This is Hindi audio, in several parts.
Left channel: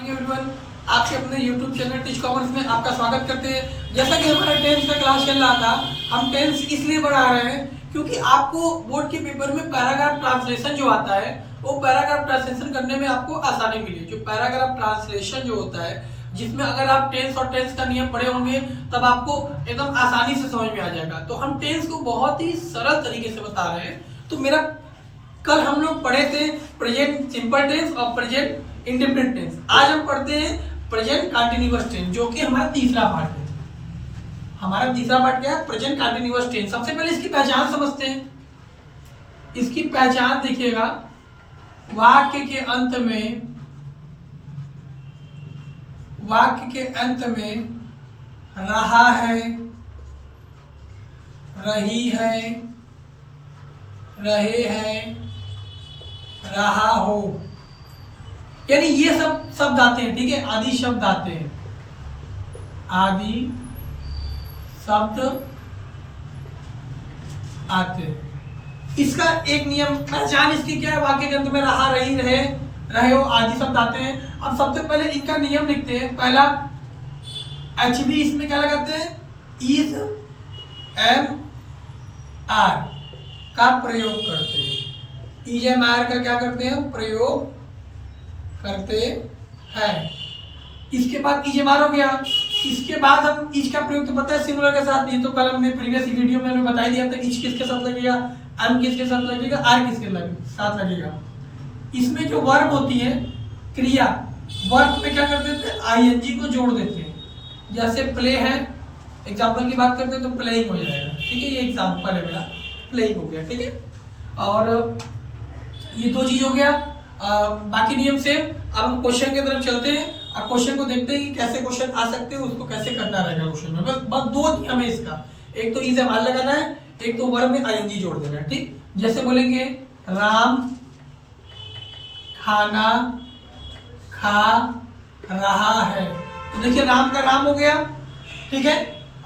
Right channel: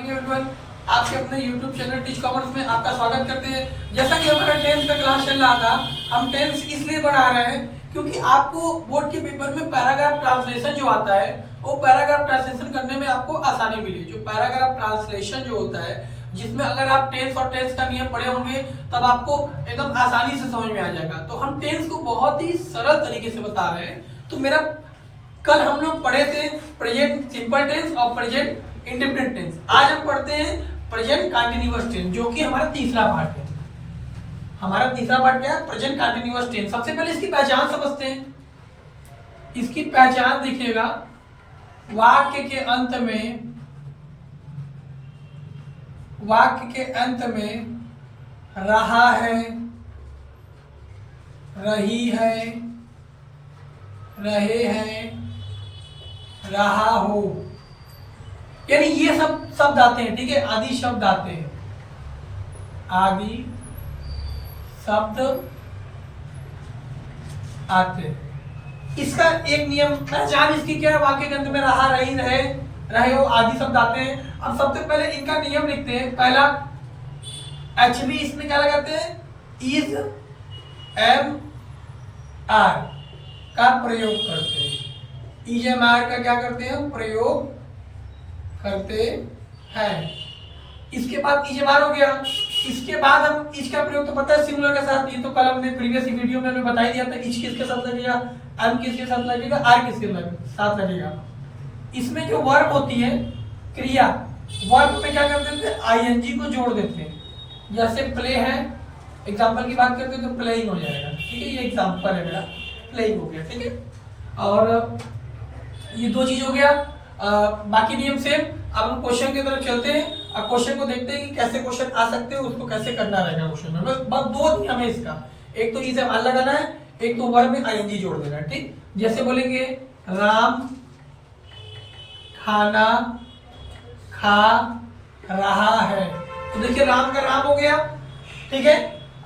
एवरीवन, आपके अपने YouTube चैनल टीच कॉमर्स में आपका स्वागत करते हैं। जैसा कि हमारा 10th का क्लास चल रहा था, हम 10th इसलिए बढ़ा रहे हैं क्योंकि आपको बोर्ड के पेपर में पैराग्राफ ट्रांसलेशन जो आता है, वो पैराग्राफ ट्रांसलेशन करने में आपको आसानी मिली। जो पैराग्राफ ट्रांसलेशन जो होता है, जिसमें अगर आप 10th और 10th का नियम पढ़े होंगे तब आपको एकदम आसानी से समझ में आ जाएगा। तो हम 10th को बहुत ही सरल तरीके से बता रहे हैं। तो मेरा कल हम लोग पढ़े थे प्रेजेंट सिंपल टेंस और प्रेजेंट इंडेफिनिट टेंस। आज हम पढ़ते हैं प्रेजेंट कंटीन्यूअस टेंस, जो कि हमारा तीसरा पार्ट है। हमारा तीसरा पार्ट क्या है? Present continuous tense. सबसे पहले इसकी पहचान समझते हैं। इसकी पहचान देखिएगा, वाक्य के अंत में रहा है, रही है, रहे हैं, रहा हो, यानी ये सब शब्द आते हैं। ठीक है, आदि शब्द आते हैं, आदि शब्द आते हैं। इसका एक नियम पहचान इसकी क्या है? वाक्य के अंत में रहा, रही, रहे हो आदि शब्द आते हैं। अब सबसे पहले इनका नियम लिखते हैं। पहला HB, इसमें क्या लगाते हैं? इज, एम, आर का प्रयोग करते हैं। इज एम आर का क्या करते हैं? प्रयोग करते हैं। इसके बाद इज एम आर हो गया। इसके बाद हम इज का प्रयोग तो पता है सिंगुलर के साथ। ये तो कल हमने प्रीवियस वीडियो में हमें बता ही दिया था। इज किसके साथ लगेगा, एम किसके साथ लगेगा, आर किसके साथ लगेगा। इसमें जो वर्ब होती है, क्रिया, वर्ब पे क्या करते थे? आईएनजी को जोड़ देते हैं। जैसे प्ले है, एग्जाम्पल की बात करते हैं तो प्लेइंग हो जाएगा। ठीक है, ये एग्जाम्पल है मेरा, प्लेइंग हो गया। ठीक है, और ये दो चीज हो गया। बाकी नियम सेम। अब हम क्वेश्चन की तरफ चलते हैं। अब क्वेश्चन को देखते हैं कि कैसे क्वेश्चन आ सकते हैं, उसको कैसे करना रहेगा क्वेश्चन में। बस दो नियम है इसका, एक तो इज एम आर लगाना है, एक तो वर्ब में आईएनजी जोड़ देना है। ठीक, जैसे बोलेंगे राम खाना खा रहा है, तो देखिए राम का राम हो गया। ठीक है,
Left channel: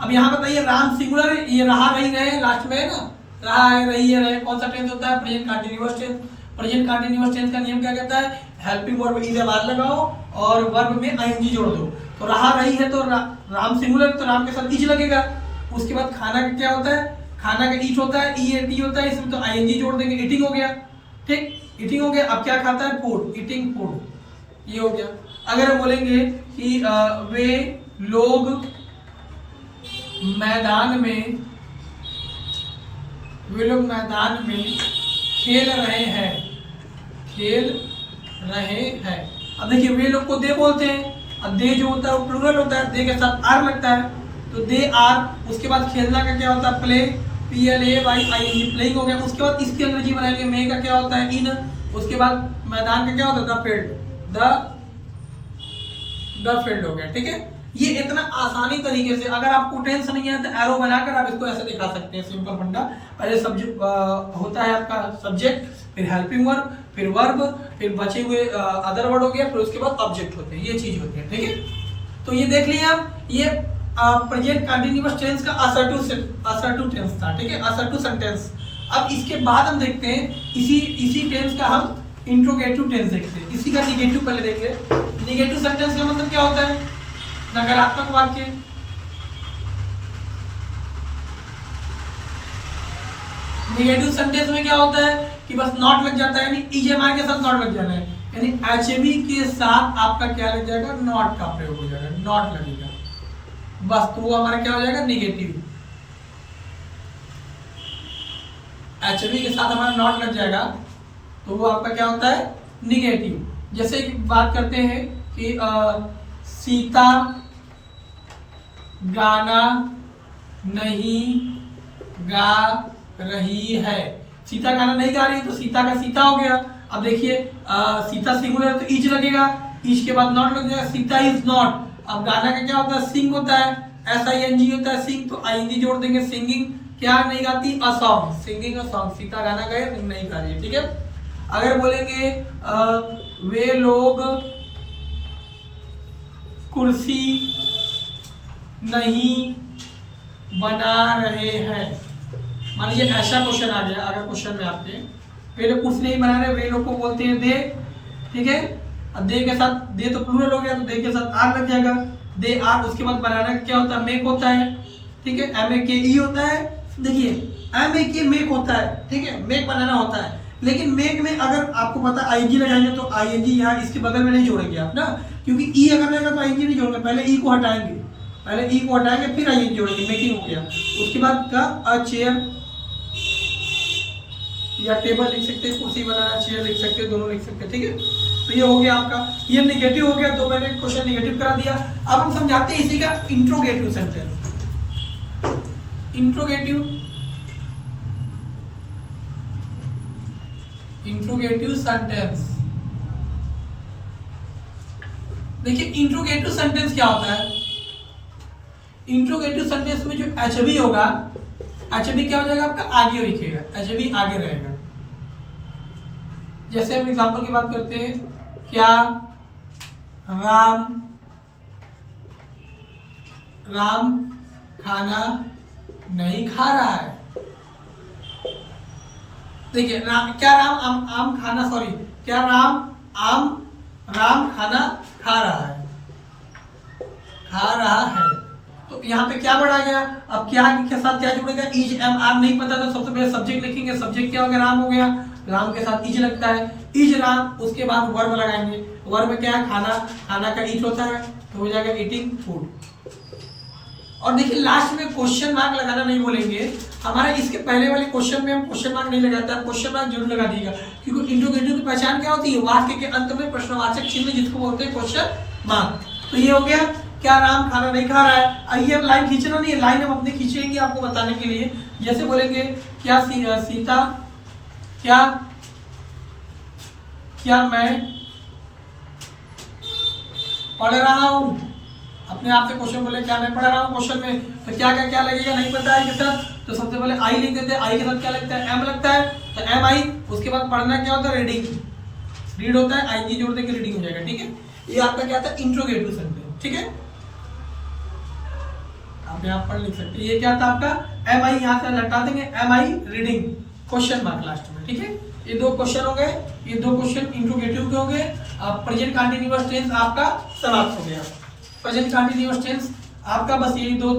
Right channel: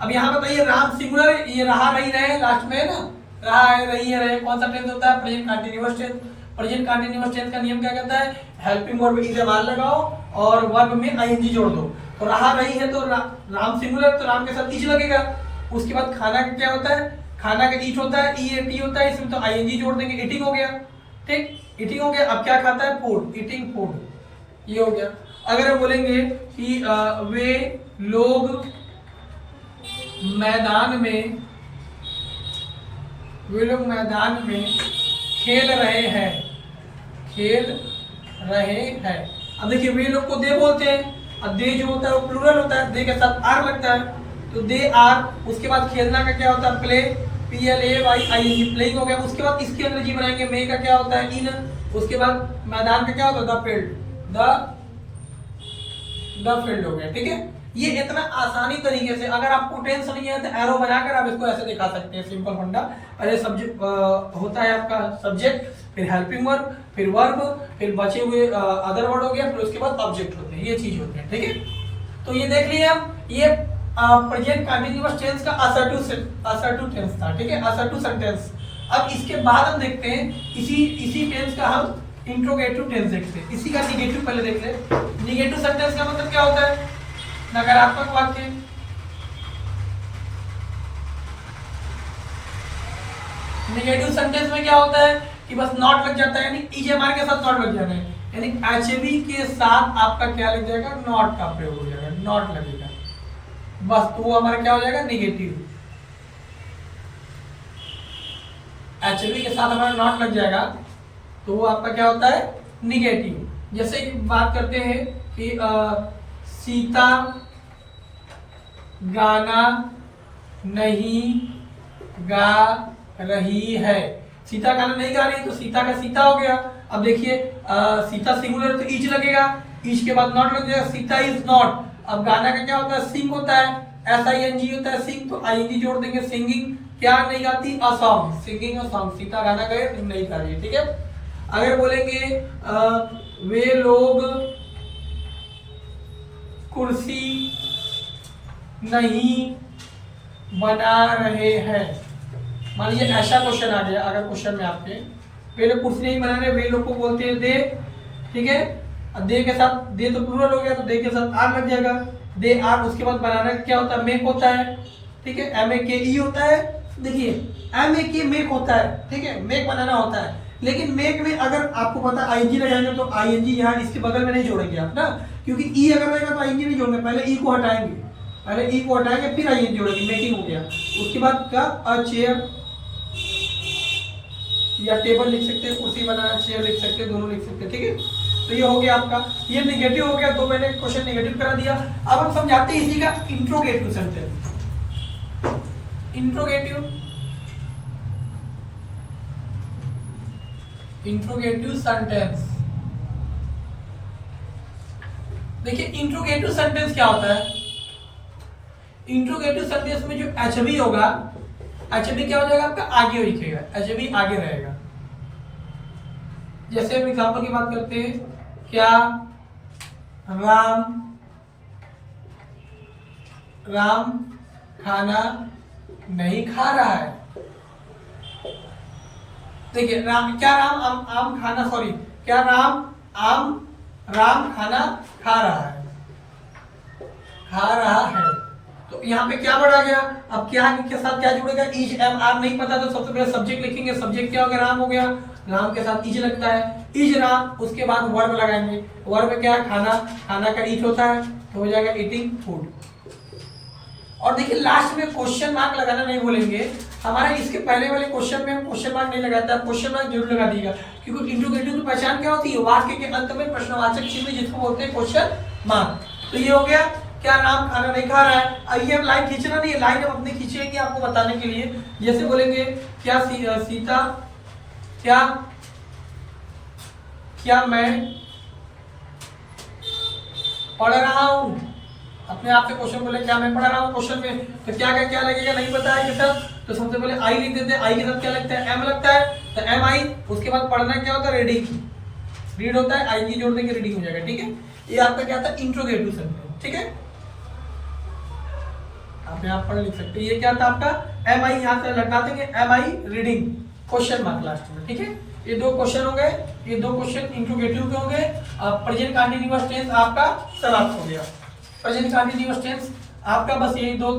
अब यहाँ बताइए राम सिंगुलर है, ये रहा, रही, रहे लास्ट में है ना। रहा है, रही है, रहे कौन सा टेंस होता है? Present continuous tense. Present continuous tense का नियम क्या कहता है? Helping verb is am are लगाओ और वर्ब में आईएनजी जोड़ दो। तो रहा, रही है तो राम सिंगुलर, तो राम के साथ इज लगेगा। उसके बाद खाना का क्या होता है? खाना का ईट होता है, ईएटी होता है, इसमें तो आईएनजी जोड़ देंगे, ईटिंग हो गया। ठीक, ईटिंग हो गया। अब क्या खाता है? फूड, ईटिंग फूड, ये हो गया। अगर हम बोलेंगे कि वे लोग मैदान में खेल रहे हैं, खेल रहे हैं। अब देखिए वे लोग को दे बोलते हैं। अब दे जो होता है वो प्लूरल होता है, दे के साथ आर लगता है, तो दे आर। उसके बाद खेलना का क्या होता है? प्ले, PLAY, प्लेइंग हो गया। उसके बाद इसकी अंग्रेजी बनाएंगे, मे का क्या होता है? इन। उसके बाद मैदान का क्या होता है? द फील्ड, द फील्ड हो गया। ठीक है, ये इतना आसानी तरीके से, अगर आपको टेंशन नहीं है तो एरो बनाकर आप इसको ऐसे दिखा सकते हैं। सिंपल फंडा, पहले सब्जेक्ट होता है आपका सब्जेक्ट, फिर हेल्पिंग वर्ब, फिर वर्ब, फिर बचे हुए अदर वर्ड हो गया, फिर उसके बाद ऑब्जेक्ट होते हैं। ये चीज होते हैं। ठीक है, तो ये देख लिए आप, ये प्रेजेंट कंटीन्यूअस टेंस का असर्टिव टेंस था। ठीक है, असर्टिव सेंटेंस। अब इसके बाद हम देखते हैं इसी टेंस का हम इंट्रोगेटिव टेंस देखते हैं। इसी का निगेटिव पहले देख ले। निगेटिव सेंटेंस का मतलब क्या होता है? नकारात्मक वाक्य। नेगेटिव सेंटेंस में क्या होता है कि बस नॉट लग जाता है, यानी ईएमआर के साथ नॉट लग जाना है, यानी एचबी के साथ आपका क्या लग जाएगा? नॉट का प्रयोग हो जाएगा, नॉट लगेगा बस, तो वो हमारा क्या हो जाएगा? निगेटिव। एचबी के साथ हमारा नॉट लग जाएगा तो वो आपका क्या होता है? निगेटिव। जैसे कि बात करते हैं कि सीता गाना नहीं गा रही है। सीता गाना नहीं गा रही है तो सीता का सीता हो गया। अब देखिए सीता सिंगुलर तो इज लगेगा, इज के बाद नॉट लग जाएगा, सीता इज नॉट। अब गाना का क्या होता है? सिंग होता है, SING होता है सिंग, तो आईएनजी जोड़ देंगे। सिंगिंग क्या नहीं गाती? A song, singing a song. Sita गाना गाए नहीं गा रही है। ठीक है, अगर बोलेंगे वे लोग कुर्सी नहीं बना रहे हैं। मान लीजिए ऐसा क्वेश्चन आ गया, अगर क्वेश्चन में आपके वे लोग कुर्सी नहीं बना रहे, वे लोग को बोलते हैं दे। ठीक है, दे के साथ दे तो प्लूरल हो गया तो दे के साथ आर लग जाएगा, दे आर। उसके बाद बनाना क्या होता है, मेक होता है, ठीक है, एम ए के ई होता है। देखिए एम ए के मेक होता है, ठीक है, मेक बनाना होता है। लेकिन मेक में अगर आपको पता आईएनजी लगाएंगे तो आईएनजी यहाँ इसके बगल में नहीं जोड़ेंगे आप ना, क्योंकि ई अगर रहेगा तो आईएनजी नहीं जोड़ेंगे, पहले ई को हटाएंगे, पहले ई को हटाएंगे फिर आईएनजी जोड़ेंगे, मेकिंग हो गया। उसके बाद का अ चेयर या टेबल लिख सकते हैं, कुर्सी बनाना, चेयर लिख सकते हैं, दोनों लिख सकते हैं, ठीक है। तो ये हो गया आपका, ये नेगेटिव हो गया, तो मैंने क्वेश्चन नेगेटिव करा दिया। अब हम समझाते हैं इसी का इंट्रोगेटिव सेंटेंस। इंट्रोगेटिव सेंटेंस, देखिए इंट्रोगेटिव सेंटेंस क्या होता है। इंट्रोगेटिव सेंटेंस में जो एचबी होगा, एचबी क्या हो जाएगा आपका, आगे लिखेगा, एचबी आगे रहेगा। जैसे हम एग्जांपल की बात करते हैं, क्या राम खाना नहीं खा रहा है। देखिए राम, क्या राम आम खाना, सॉरी, क्या राम खाना खा रहा है। तो यहाँ पे क्या बढ़ा गया, अब क्या के साथ क्या जुड़ेगा, इज एम आर नहीं पता तो सबसे पहले सब्जेक्ट लिखेंगे, सब्जेक्ट क्या हो गया, राम हो गया, राम के साथ इज लगता है, इज राम। उसके बाद वर्ब लगाएंगे, वर्ब में क्या है, खाना, खाना का ईट होता है तो हो जाएगा ईटिंग फूड। और देखिए लास्ट में क्वेश्चन मार्क लगाना नहीं बोलेंगे, हमारा इसके पहले वाले क्वेश्चन में हम क्वेश्चन मार्क नहीं लगाता है, क्वेश्चन मार्क जरूर लगा दीजिएगा, क्योंकि इंट्रोगेटिव की पहचान क्या होती है, वाक्य के अंत में प्रश्नवाचक चिन्ह जिसको बोलते हैं क्वेश्चन मार्क। तो ये हो गया, क्या राम खाना नहीं खा रहा है। अब ये लाइन खींचना नहीं है, लाइन हम अपने खींचेंगे आपको बताने के लिए। जैसे बोलेंगे, क्या सीता, क्या मैं पढ़ रहा हूं, अपने आप से क्वेश्चन बोले, क्या मैं पढ़ रहा हूं क्वेश्चन में, तो क्या लगेगा, नहीं पता है सर, तो सबसे पहले आई लिख देते हैं, आई के साथ क्या लगता है, एम लगता है, तो एम आई। उसके बाद पढ़ना क्या होता है, रीडिंग, रीड होता है, आईजी जोड़ देंगे, रीडिंग हो जाएगा, ठीक है। ये आपका क्या था, इंट्रोगेटिव सेंटेंस, ठीक है, आप यहाँ पर लिख सकते हैं। ये क्या था आपका, एम आई, यहाँ से हटा देंगे, am I reading, question mark last में, ठीक है। ये दो क्वेश्चन हो गए, ये दो क्वेश्चन इंट्रोगेटिव के हो गए। प्रेजेंट कंटीन्यूअस टेंस आपका समाप्त हो गया। प्रेजेंट कंटीन्यूअस टेंस आपका बस यही दो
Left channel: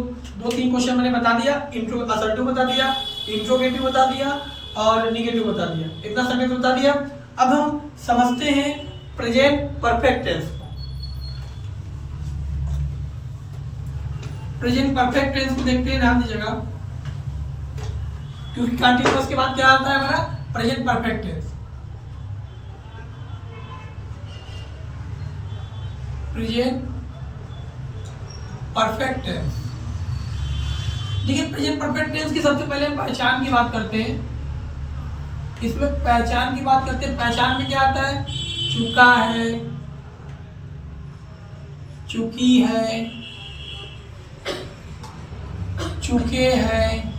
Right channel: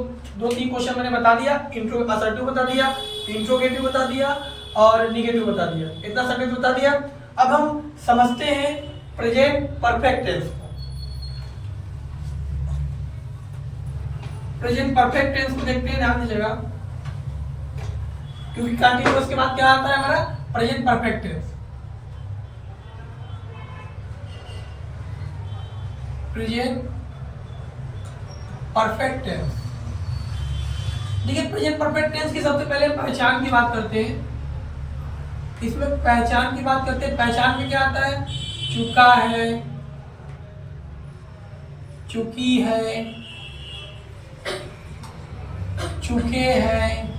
तीन क्वेश्चन मैंने बता दिया, असर्टिव बता दिया, इंट्रोगेटिव बता दिया और निगेटिव बता दिया, इतना सेंटेंस बता दिया। अब हम समझते हैं प्रेजेंट परफेक्ट टेंस को। प्रेजेंट परफेक्ट टेंस को देखते हैं, ध्यान दीजिएगा, क्योंकि कंटीन्यूअस के बाद क्या आता है हमारा, present perfect tense. Present perfect tense, देखिए प्रेजेंट परफेक्ट टेंस की सबसे पहले पहचान की बात करते हैं। इसमें पहचान की बात करते हैं, पहचान में क्या आता है, चुका है, चुकी है, चुके हैं,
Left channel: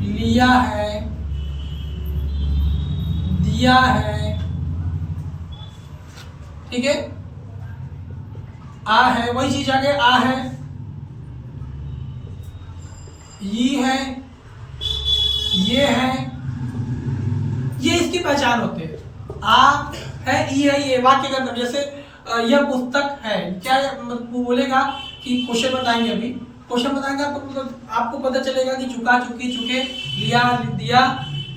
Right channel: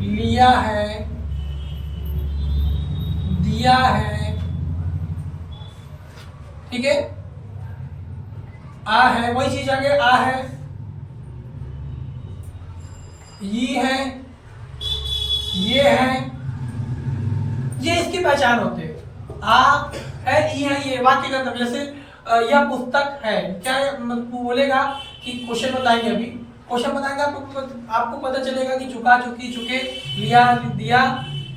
लिया है, दिया है, ठीक है, आ है, वही चीज आ गया, आ है, ये है, ये है, ये इसकी पहचान होते हैं। आ है, ई है, ये वाक्य का मतलब, जैसे यह पुस्तक है, क्या वो बोलेगा कि क्वेश्चन बताएंगे, अभी क्वेश्चन बताएंगे आपको पता चलेगा कि चुका, चुकी, चुके, लिया, दिया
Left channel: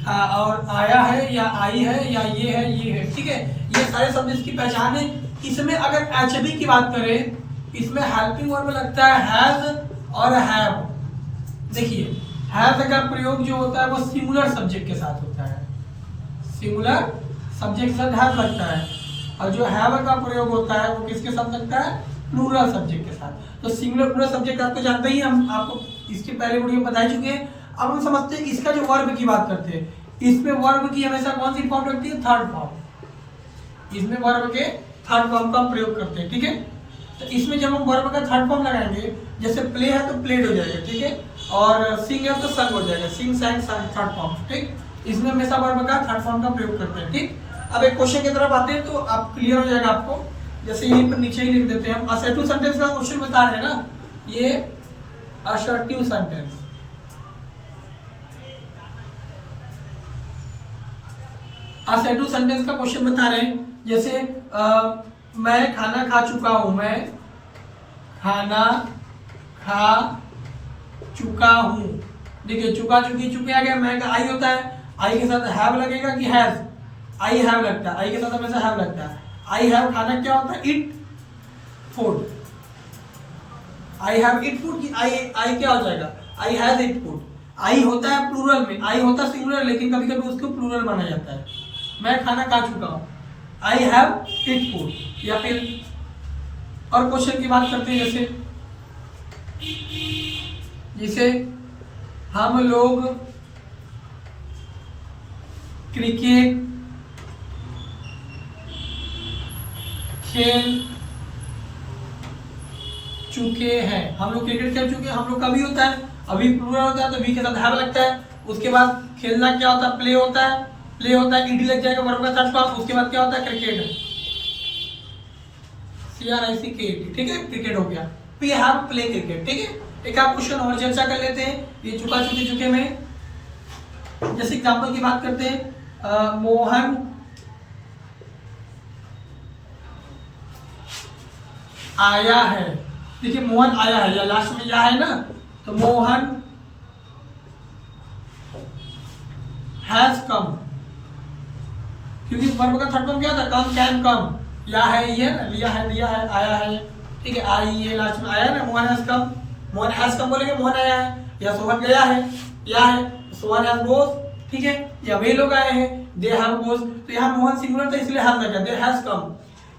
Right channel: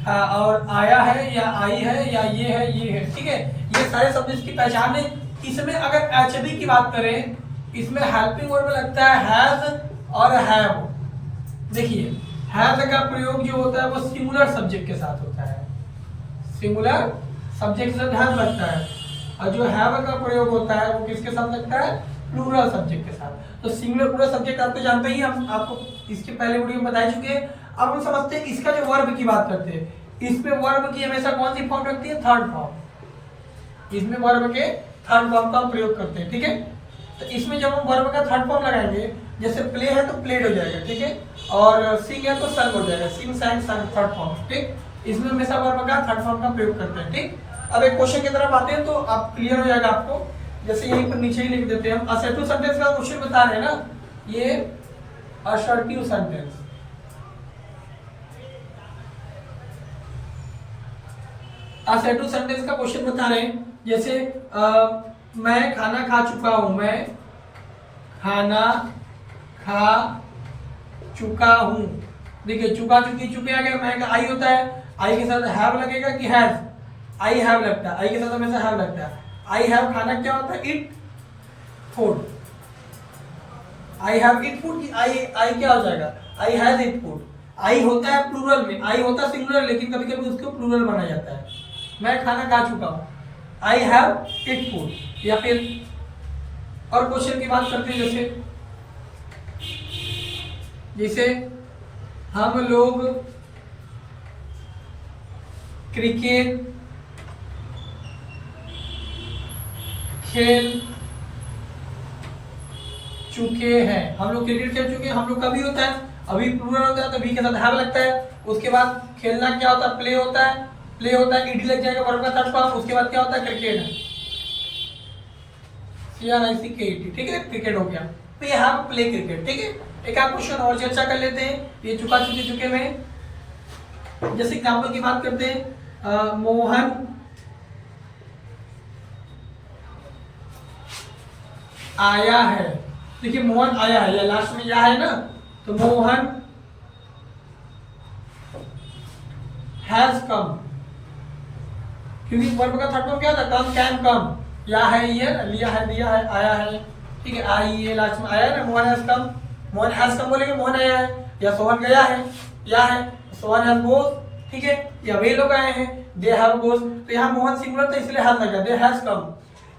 और आया है या आई है या ये है, ठीक है। ये सारे शब्द इसकी पहचान है। इसमें अगर एचबी की बात करें, इसमें हेल्पिंग वर्ब में लगता है हैज और हैव। देखिए हैज का प्रयोग जो होता है वो सिंगुलर सब्जेक्ट के साथ होता है, सिंगुलर सब्जेक्ट के साथ हैज लगता है, और जो हैव का प्रयोग होता है वो किसके साथ लगता है, प्लूरल सब्जेक्ट के साथ। तो सिंगुलर प्लूरल सब्जेक्ट आप तो जानते ही, हम आपको इसके पहले वीडियो में बता चुके हैं। अब हम समझते हैं इसका जो वर्ब की बात करते हैं, इसमें वर्ब की हमेशा कौन सी फॉर्म रखती है, थर्ड फॉर्म। इसमें वर्ब के थर्ड फॉर्म का प्रयोग करते हैं, ठीक है। तो इसमें जब हम वर्ब का थर्ड फॉर्म लगाएंगे, जैसे प्ले है तो प्लेड हो जाएगा, ठीक है, और सिंग है तो संग हो जाएगा, सिंग sang थर्ड फॉर्म, ठीक। इसमें हमेशा वर्ब का थर्ड फॉर्म का प्रयोग करते हैं, ठीक। अब एक क्वेश्चन की तरफ आते हैं तो आप क्लियर हो जाएगा आपको। जैसे यहीं पर नीचे ही लिख देते हैं हम, असर्टिव सेंटेंस का क्वेश्चन बता रहे हैं ना, ये असर्टिव सेंटेंस, असर्टिव सेंटेंस का क्वेश्चन बता रहे हैं। जैसे मैं खाना खा चुका हूं, मैं खाना खा चुका हूं। देखिए चुका चुकी चुके आ गया, मैं का आई होता है, आई के साथ हैव लगेगा कि हैज, आई हैव लगता है, आई के साथ हमेशा हैव लगता है। आई हैव खाना क्या होता है, it food, I have it food की आई क्या हो जाएगा, आई हैज इट फूड। आई होता है प्लूरल में, आई होता है सिंगुलर, लेकिन कभी कभी उसको प्लूरल माना जाता है। मैं खाना खा चुका हूं, आई हैव इट फूड। या फिर और क्वेश्चन की बात करते हैं, जैसे हम लोग क्रिकेट खेल चुके हैं, हम लोग क्रिकेट खेल चुके हैं। हम लोग कभी होता है, अभी प्लूरल होता है तो वी के साथ हैव लगता है। उसके बाद खेलना क्या होता है, प्ले होता है, प्ले होता है ईडी लग जाएगा वर्ब का थर्ड फॉर्म। उसके बाद क्या होता है, क्रिकेट, CRICKET, ठीक है, क्रिकेट हो गया। तो ये हैव प्ले क्रिकेट, ठीक है। एक आप क्वेश्चन और चर्चा कर लेते हैं, ये चुका चुके चुके में। जैसे एग्जाम्पल की बात करते हैं, मोहन आया है। देखिए मोहन आया है, या लास्ट में या है ना, तो मोहन हैज कम, क्योंकि वर्ब का थर्ड फॉर्म क्या होता है, कम, कैन कम। या है, ये लिया है, दिया है, आया है, ठीक है, आई ये लास्ट में आया ना, Mohan has come, Mohan has come बोलेंगे मोहन आया है, या सोहन गया है, या है सोहन हैज गोस, ठीक है, या वे लोग आए हैं, दे हैव गोस। तो यहाँ मोहन सिंगुलर था इसलिए हैज लगा, दे हैज कम।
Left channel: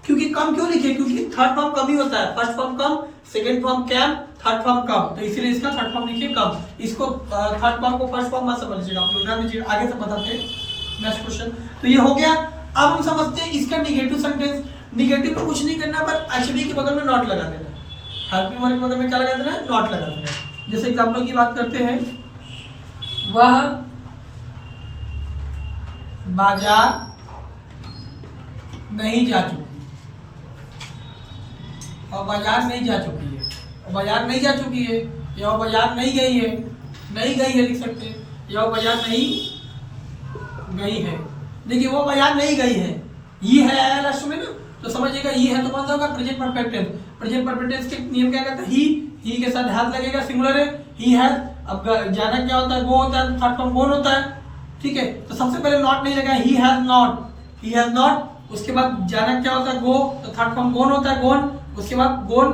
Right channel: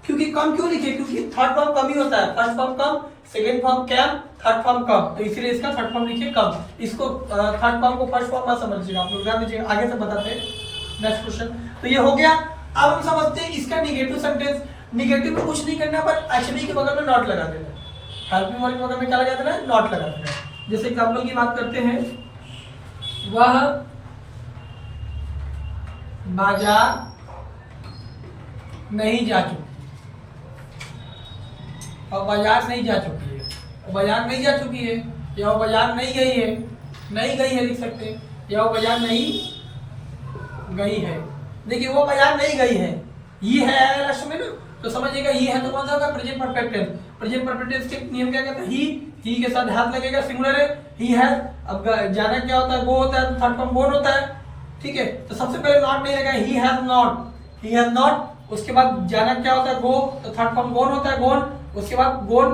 क्योंकि कम क्यों लिखे, क्योंकि थर्ड फॉर्म कम ही होता है, first form come, second form came, third form come, तो इसलिए इसका थर्ड फॉर्म लिखिए कम। इसको थर्ड फॉर्म को फर्स्ट फॉर्म मत समझ लीजिएगा, आप लोग ध्यान दीजिएगा, आगे से बताते हैं। नेक्स्ट क्वेश्चन, तो ये हो गया। अब हम समझते हैं इसका निगेटिव सेंटेंस। निगेटिव में कुछ नहीं करना, पर एचबी के बगल में नॉट लगा देना, हेल्पिंग वर्ब के बगल में क्या लगा देना है, नॉट लगा देना है। जैसे एग्जाम्पल की बात करते हैं, वह बाजार नहीं जा चुकी, और बाजार नहीं जा चुकी है, और बाजार नहीं जा चुकी है, या वो बाजार नहीं गई है, नहीं गई है लिख सकते हैं, या वो बाजार नहीं गई है। देखिए वो बाजार नहीं गई है, ये है लास्ट में ना, तो समझिएगा ये है तो कौन सा होगा, present perfect tense. Present perfect tense के नियम क्या कहता है, ही के साथ हैज लगेगा, सिंगुलर है, ही हैज। अब जाना क्या होता है, गो होता है, तो थर्ड फॉर्म गोन होता है, ठीक है। तो सबसे पहले नॉट नहीं लगेगा, he has not, he has not. उसके बाद जाना क्या होता है, गो, तो थर्ड फॉर्म गोन होता है, गोन। उसके बाद गोन,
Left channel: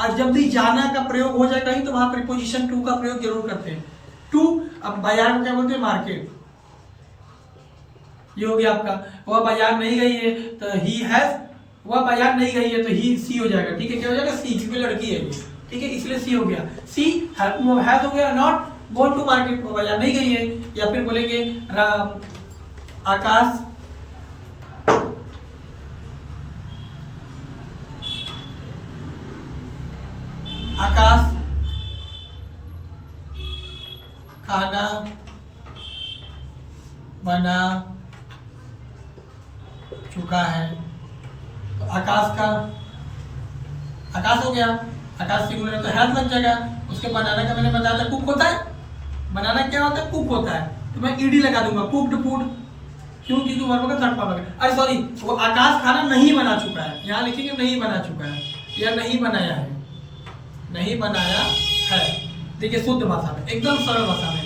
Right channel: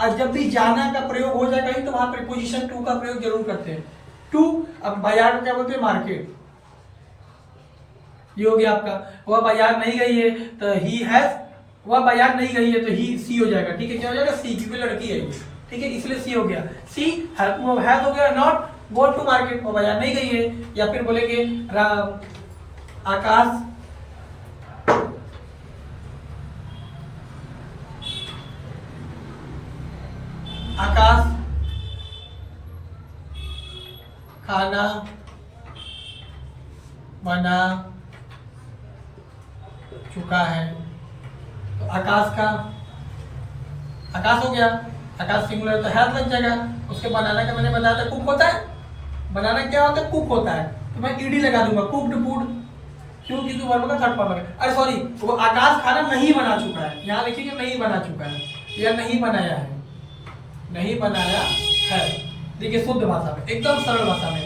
और जब भी जाना का प्रयोग हो जाएगा ही तो वहां प्रीपोजिशन टू का प्रयोग जरूर करते हैं, टू। अब बाजार को क्या बोलते हैं, मार्केट। ये हो गया आपका, वह बाजार नहीं गई है तो ही हैज, वह बाजार नहीं गई है तो ही सी हो जाएगा, ठीक है, क्या हो जाएगा, सी, क्योंकि लड़की है ये, ठीक है, इसलिए सी हो गया। सी हैज हो गया, नॉट गो टू मार्केट, वो बाजार नहीं गई है। या फिर बोलेंगे आकाश आकाश खाना बना चुका है। तो आकाश का, आकाश हो गया, आकाश सिंगुलर तो हैज लग जाएगा। उसके बनाना का मैंने बताया था, कुक होता है, बनाना क्या होता है, कुक होता है, तो मैं ईडी लगा दूंगा, कुक्ड फूड, क्यों, क्योंकि वर्ब का थर्ड फॉर्म है। अरे सॉरी, वो आकाश खाना नहीं बना चुका है, यहाँ लिखेंगे नहीं बना चुका है, या नहीं बनाया है, नहीं बनाया है। देखिए शुद्ध भाषा में, एकदम सरल भाषा में,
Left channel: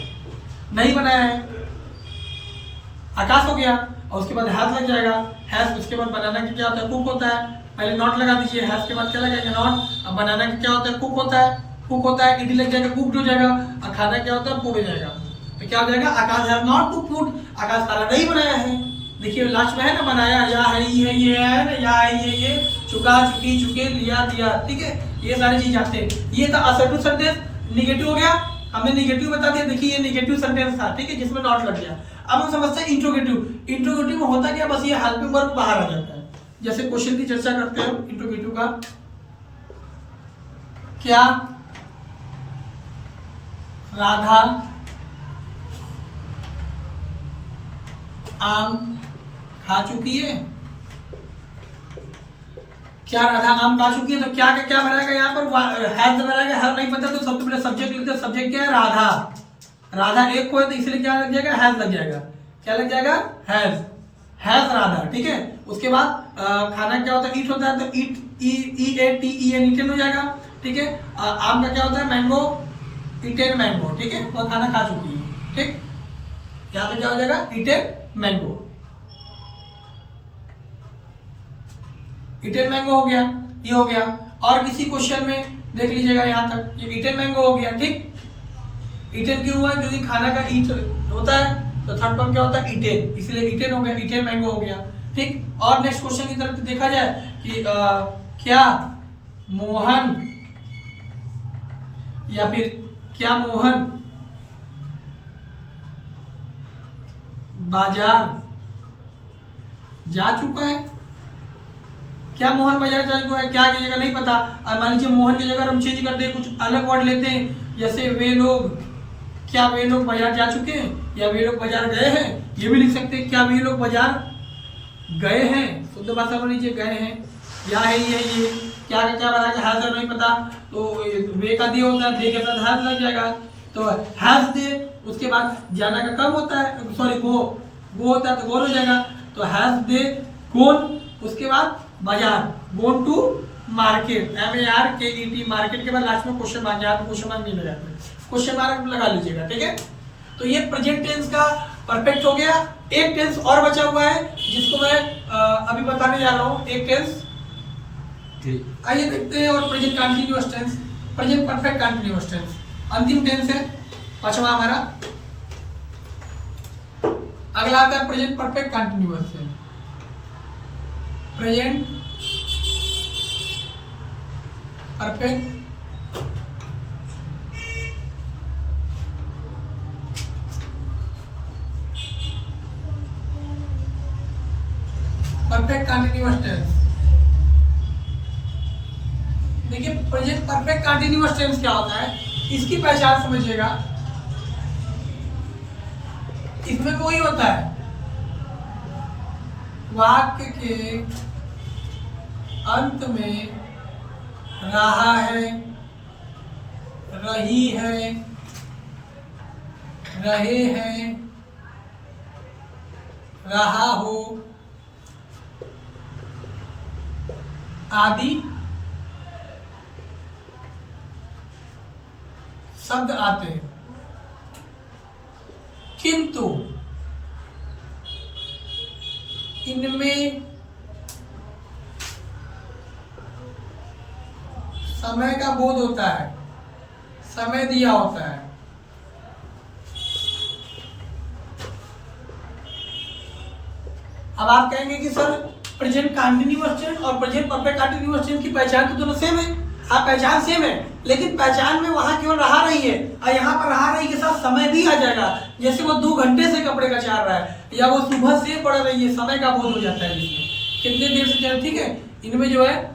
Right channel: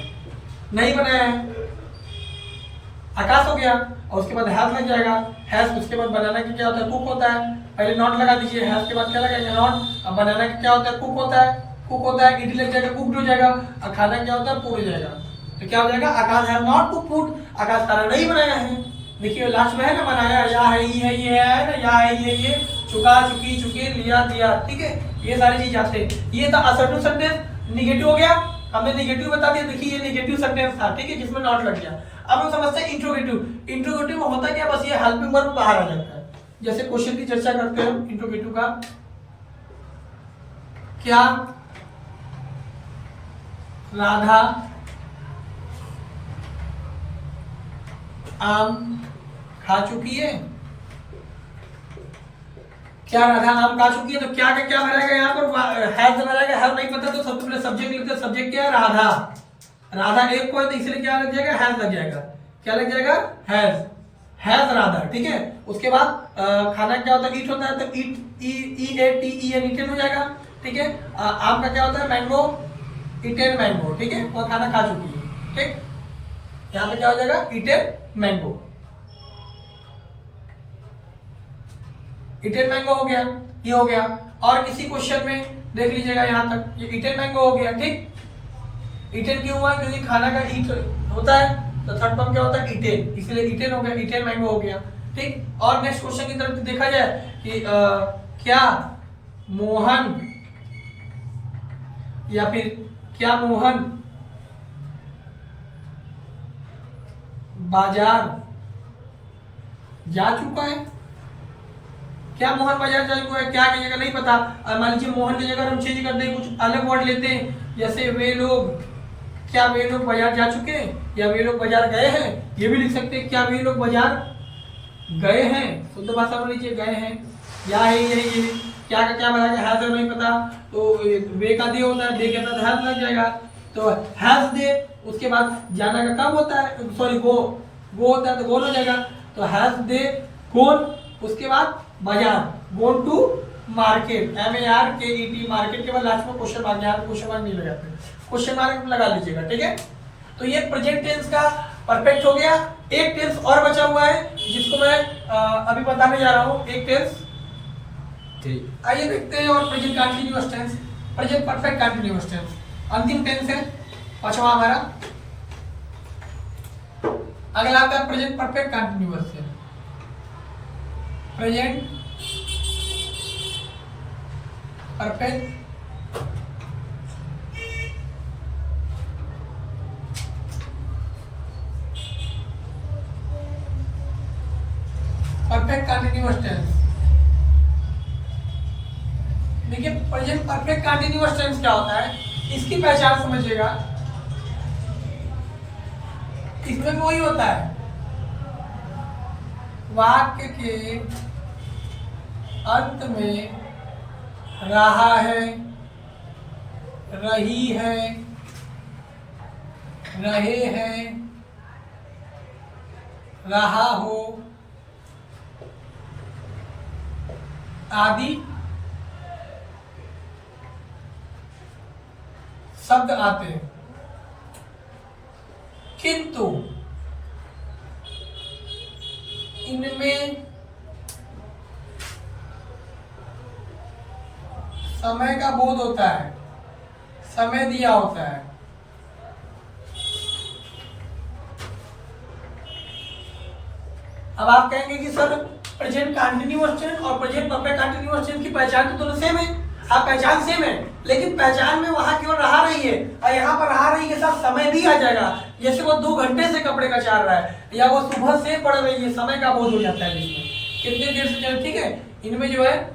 नहीं बनाया है, आकाश हो गया, और उसके बाद हैज लग जाएगा, हैज। उसके बाद बनाना का क्या होता है, कुक होता है, पहले नॉट लगा दीजिए, हैज के बाद क्या लगाएंगे, नॉट। अब बनाना का क्या होता है, कुक होता है, कुक होता है, ईडी लग जाएगा, कुक्ड हो जाएगा, और खाना क्या होता है, फूड हो जाएगा। तो क्या हो जाएगा, आकाश हैज नॉट कुक फूड, आकाश खाना नहीं बनाया है। देखिए लास्ट में है ना, बनाया, या है, ये है ना, या है, ये चुका, चुकी, चुके, लिया, दिया, ठीक है, ये सारी चीज आते हैं। ये था असर्टिव सेंटेंस, निगेटिव हो गया, हमने निगेटिव बता दिया। देखिए ये निगेटिव सेंटेंस था, ठीक है, जिसमें नॉट लग गया। अब हम समझते हैं इंट्रोगेटिव। इंट्रोगेटिव में होता क्या, बस ये हेल्पिंग वर्ब बाहर आ जाता है। जैसे क्वेश्चन की चर्चा करते हैं इंट्रोगेटिव का, क्या राधा आम खा चुकी है, क्या राधा आम खा चुकी है, तो क्या का क्या मिलेगा यहाँ पर, हैज मिलेगा, हैज नहीं पता तो सबसे पहले सब्जेक्ट लिखते हैं, सब्जेक्ट क्या है, राधा। राधा एक को है तो इसलिए क्या लग जाएगा, हैज लग जाएगा, क्या लग जाएगा, हैज, हैज राधा, ठीक है। उसके बाद खाना क्या होता है, ईट होता है, तो eat E A T E N eaten हो जाएगा, ठीक है। आम का क्या होता है, मैंगो, ईटेन मैंगो, ठीक है, वो खाना खा चुकी है, ठीक। यहाँ पे क्या हो जाएगा, ईटेन मैंगो, ईटेन मैंगो हो गया, ये हो गया। और किसी क्वेश्चन में देख लीजिएगा यहाँ तक, ये ईटेन मैंगो हो गया, ठीक। ईटेन क्यों हुआ, क्योंकि खाना का ईट होता है, तो थर्ड फॉर्म क्या होता है, ईटेन, इसलिए ईटेन हो गया, ईटेन मैंगो हो गया, ठीक। और नेक्स्ट क्वेश्चन की तरफ देखा जाए कि क्या मोहन या फिर क्या मोहन बाजार जा चुका है, क्या मोहन बाजार जा चुका है, क्या की जगह नहीं पता। मान लीजिए मोहन की जगह हम चेंज करते हैं, कुछ अलग वर्ड लेते हैं, जैसे वे लोग, क्या वे लोग बाजार जा चुके हैं या वे लोग बाजार गए हैं, ये भी लिख सकते हैं, क्या वे लोग बाजार गए हैं, शुद्ध भाषा में लीजिए गए हैं, या है ये क्या का क्या बनाएगा, हैज नहीं पता, तो वे का दे होता है, दे के साथ हैज लग जाएगा, तो हैज दे, उसके बाद जाना का कम होता है, सॉरी गो होता है तो गोन हो जाएगा, तो हैज दे गोन, उसके बाद बाजार, गोन टू मार्केट, MARKET, मार्केट के बाद लास्ट में क्वेश्चन मार्क, यहाँ पे क्वेश्चन मार्क नहीं लगाते, क्वेश्चन मार्क लगा लीजिएगा, ठीक है। तो ये प्रेजेंट टेंस का परफेक्ट हो गया। एक टेंस और बचा हुआ है जिसको मैं अभी बताने जा रहा हूँ, एक टेंस, आइए देखते हैं। और present continuous tense, present perfect continuous tense, अंतिम टेंस है पांचवा हमारा। अगला आता है present perfect continuous tense, present perfect perfect continuous tense. देखिए प्रेजेंट परफेक्ट कंटीन्यूअस टेंस क्या होता है, इसकी पहचान समझिएगा। इसमें वही होता है, वाक्य के अंत में रहा है, रही है, रहे हैं, रहा हो आदि शब्द आते हैं, किंतु इनमें समय का बोध होता है, समय दिया होता है। अब आप कहेंगे कि सर प्रेजेंट कंटीन्यूअस टेंस और प्रेजेंट परफेक्ट कंटीन्यूअस टेंस की पहचान तो दोनों सेम है। हाँ पहचान सेम है, लेकिन पहचान में वहां केवल रहा रही है और यहाँ पर रहा रही के साथ समय भी आ जाएगा। जैसे वो 2 घंटे से कपड़े का चार रहा है या वो सुबह से पढ़ रही है, समय का बोध हो जाता है इसमें, कितनी देर से चल, ठीक है। इनमें जो है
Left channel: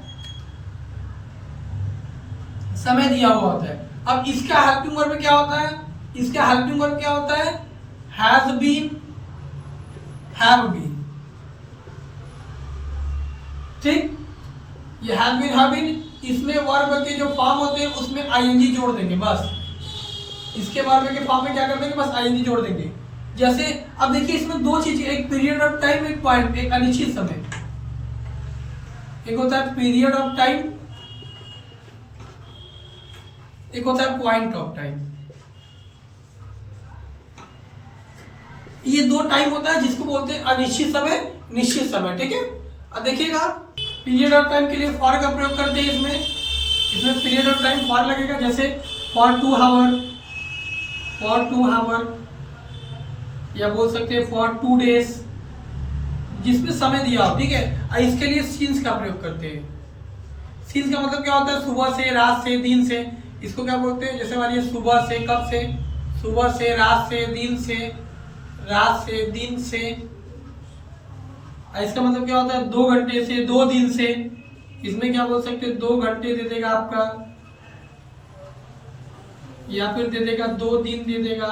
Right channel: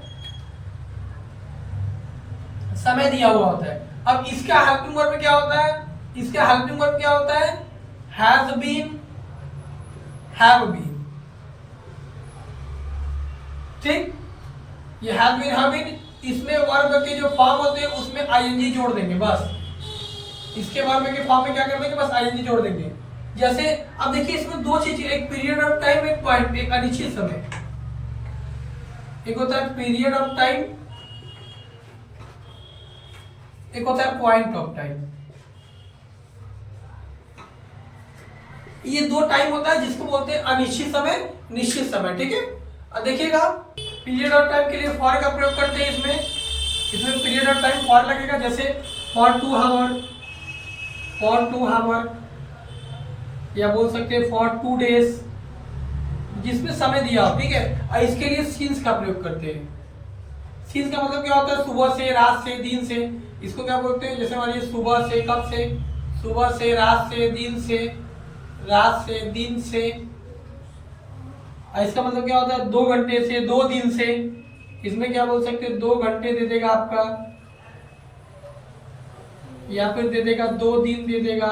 समय दिया हुआ होता है। अब इसका हेल्पिंग वर्ब क्या होता है, इसका हेल्पिंग वर्ब क्या होता है, हैज बीन, हैव बीन, ठीक। ये हैज बीन, हैव बीन, इसमें वर्ब के जो फॉर्म होते हैं उसमें आईएनजी जोड़ देंगे बस। इसके वर्ब के फॉर्म में क्या कर देंगे, बस आईएनजी जोड़ देंगे। जैसे अब देखिए इसमें 2 चीजें, एक पीरियड ऑफ टाइम, एक पॉइंट, एक अनिश्चित समय। एक होता है पीरियड ऑफ टाइम, एक होता है पॉइंट ऑफ टाइम। ये 2 टाइम होता है जिसको बोलते हैं अनिश्चित समय, निश्चित समय, ठीक है। अब देखिएगा पीरियड ऑफ टाइम के लिए फॉर का प्रयोग करते हैं। इसमें पीरियड ऑफ टाइम फॉर लगेगा, जैसे फॉर 2 आवर, फॉर 2 आवर, या बोल सकते हैं फॉर 2 डेज, जिसमें समय दिया हो, ठीक है। और इसके लिए सीन्स का प्रयोग करते हैं। सीन्स का मतलब क्या होता है, सुबह से, रात से, दिन से। इसको क्या बोलते हैं, जैसे मानिए सुबह से, कब से, सुबह से, रात से, दिन से, रात से, दिन से। इसका मतलब क्या होता है, 2 घंटे से, 2 दिन से। इसमें क्या बोल सकते हैं, 2 घंटे दे देगा आपका, या फिर दे देगा 2 दिन दे देगा,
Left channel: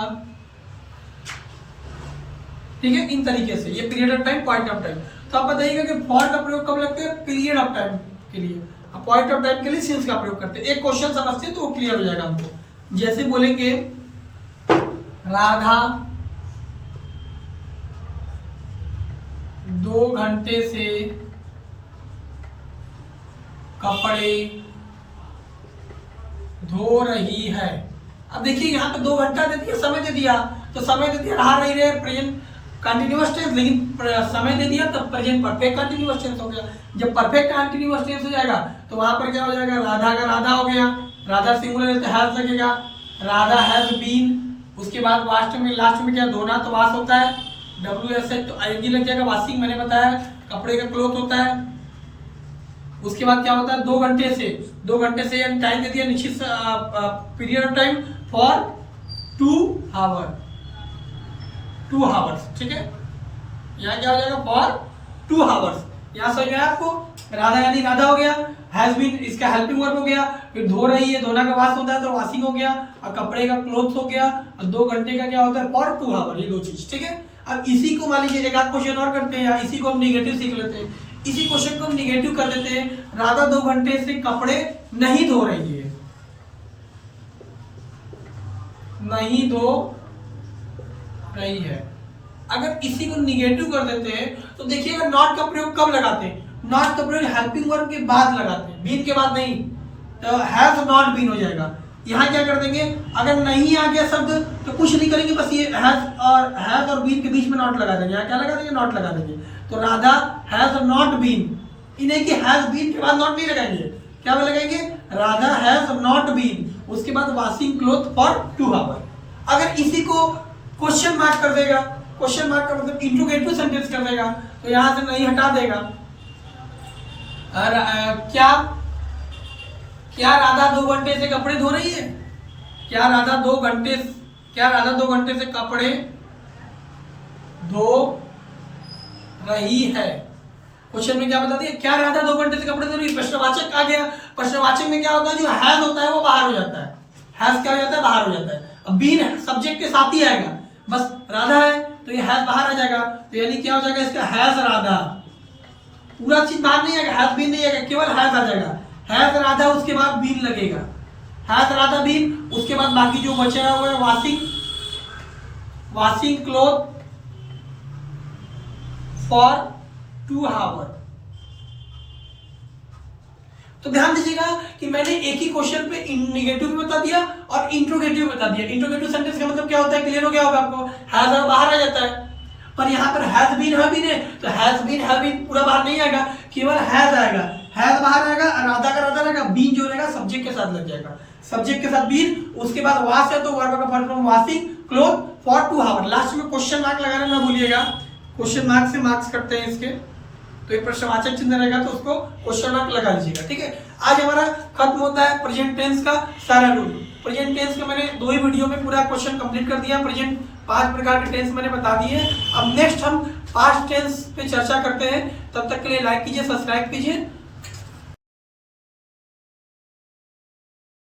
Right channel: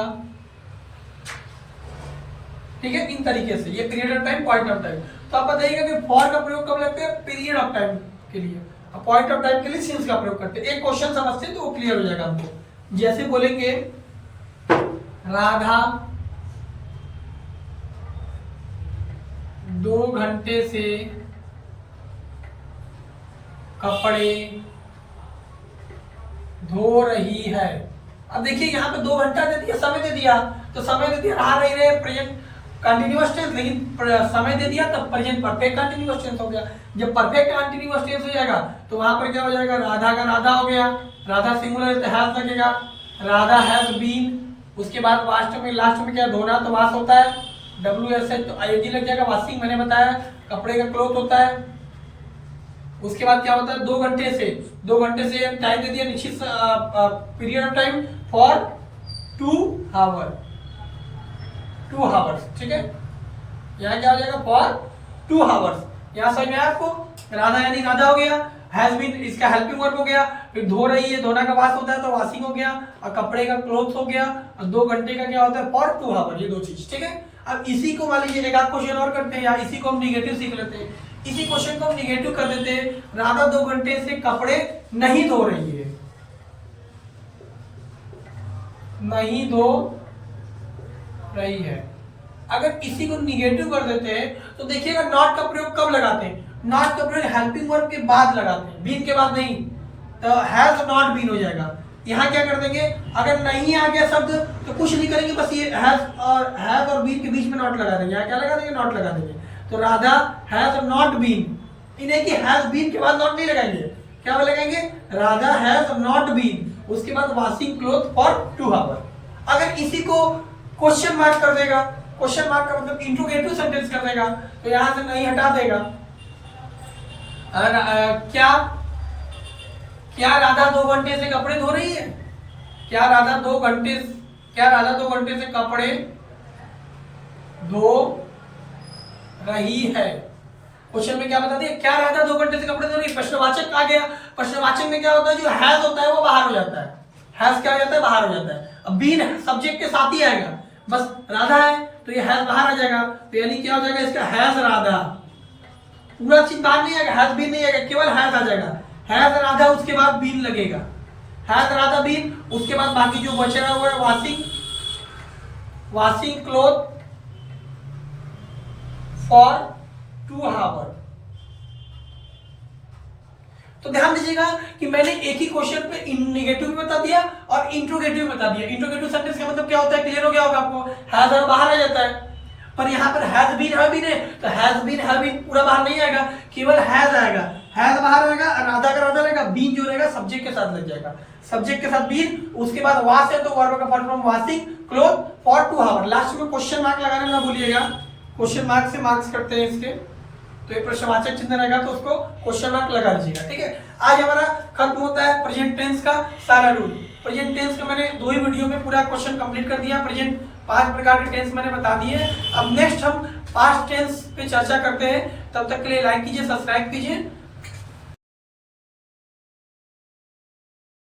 ठीक है। इन तरीके से ये period of time, point of time. तो आप बताइएगा कि फॉर का प्रयोग कब लगते हैं, पीरियड ऑफ टाइम के लिए, और पॉइंट ऑफ टाइम के लिए सिंस का प्रयोग करते हैं। एक क्वेश्चन समझते हैं तो वो क्लियर हो जाएगा हमको। जैसे बोलेंगे राधा 2 घंटे से कपड़े धो रही है। अब देखिए यहाँ पे 2 घंटा दे दिया, समय दे दिया, तो समय दे दिया रहा रही रहे प्रेजेंट कंटिन्यूअस टेंस, लेकिन समय दे दिया तब प्रेजेंट परफेक्ट कंटिन्यूअस टेंस हो गया। जब परफेक्ट कंटिन्यूअस टेंस हो जाएगा तो वहां पर क्या हो जाएगा, राधा का राधा हो गया, राधा सिंगुलर तो हैज लगेगा, राधा हैज बीन। उसके बाद लास्ट में क्या धोना तो वाश होता है, WSH तो ING लग जाएगा, वॉशिंग मैंने बताया कपड़े का क्लोथ होता है। उसके बाद क्या होता है, 2 घंटे से टाइम दे दिया निश्चित period of time for 2 hours, ठीक है। यहाँ क्या हो जाएगा, फॉर 2 आवर्स। यहाँ समझ में आया आपको, राधा यानी राधा हो गया, हैज बीन इसका हेल्पिंग वर्ब हो गया, फिर धो रही है, धोना का वाश होता है तो वॉशिंग हो गया, और कपड़े का क्लोथ हो गया, और 2 घंटे का क्या होता है, फॉर 2 आवर, ये 2 चीज, ठीक है। अब इसी को मान लीजिए एक आध क्वेश्चन और करते हैं, या इसी को हम निगेटिव सीख लेते हैं। इसी क्वेश्चन को हम निगेटिव कर देते हैं, राधा 2 घंटे से कपड़े नहीं धो रही है, नहीं धो रही है। अगर इसी को निगेटिव कर देते हैं तो देखिएगा नॉट का प्रयोग कब लगाते हैं, नॉट का प्रयोग हेल्पिंग वर्ब के बाद लगाते हैं, बीन के बाद नहीं, तो हैज नॉट बीन हो जाएगा। यहाँ क्या कर देंगे, अगर नहीं आ गया शब्द तो कुछ नहीं करेंगे, बस ये हैज और बीन के बीच में नॉट लगा देंगे। यहाँ क्या लगा देंगे, नॉट लगा देंगे। तो राधा हैज नॉट बीन, इन्हें कि हैज बीन के बाद नॉट नहीं लगाएंगे, क्या लगाएंगे, राधा हैज नॉट बीन, उसके बाद वॉशिंग क्लोथ फॉर 2 आवर। अगर इसी को क्वेश्चन मार्क कर देगा, क्वेश्चन मार्क का मतलब इंट्रोगेटिव सेंटेंस कर देगा, तो यहां से नहीं हटा देगा। क्या राधा 2 घंटे से कपड़े धो रही है, क्या राधा 2 घंटे से कपड़े धो रही है। क्वेश्चन में क्या बता दिया, क्या राधा 2 घंटे से कपड़े धो रही है, प्रश्नवाचक आ गया। प्रश्नवाचक में क्या होता है, जो हैज होता है वो बाहर हो जाता है, हैज क्या हो जाता है, बाहर हो जाता है। अब बीन सब्जेक्ट के साथ ही आएगा, बस राधा है तो ये हैज बाहर आ जाएगा, तो यानी क्या हो जाएगा इसका, हैज राधा, पूरा चीज बाहर नहीं आएगा, हैज बीन नहीं आएगा, केवल हैज आ जाएगा, हैज राधा, उसके बाद बीन लगेगा, हैज राधा बीन, उसके बाद बाकी जो बचेगा होगा वॉशिंग क्लोथ फॉर 2 आवर। तो ध्यान दीजिएगा कि मैंने एक ही क्वेश्चन पे नेगेटिव भी बता दिया और इंट्रोगेटिव भी बता दिया। इंट्रोगेटिव सेंटेंस का मतलब क्या होता है, क्लियर हो गया होगा आपको, हैज और बाहर आ जाता है, पर यहाँ पर हैज बीन है तो हैज बीन पूरा बाहर नहीं आएगा, केवल हैज आएगा, हैज बाहर आएगा, राधा का राधा रहेगा, बीन जो रहेगा सब्जेक्ट के साथ लग जाएगा, सब्जेक्ट के साथ बीन, उसके बाद वॉश है तो वर्ब का form washing cloth for 2 hour. Last में क्वेश्चन मार्क लगाना ना भूलिएगा, क्वेश्चन मार्क से मार्क्स करते हैं इसके, तो ये प्रश्नवाचक चिन्ह रहेगा तो उसको क्वेश्चन मार्क लगा लीजिएगा, ठीक है। आज हमारा खत्म होता है प्रेजेंट टेंस का सारा रूल। प्रेजेंट टेंस का मैंने 2 ही वीडियो में पूरा क्वेश्चन कंप्लीट कर दिया, प्रेजेंट 5 प्रकार के टेंस मैंने बता दिए। अब नेक्स्ट हम पास्ट टेंस पे चर्चा करते हैं, तब तक के लिए लाइक कीजिए, सब्सक्राइब कीजिए।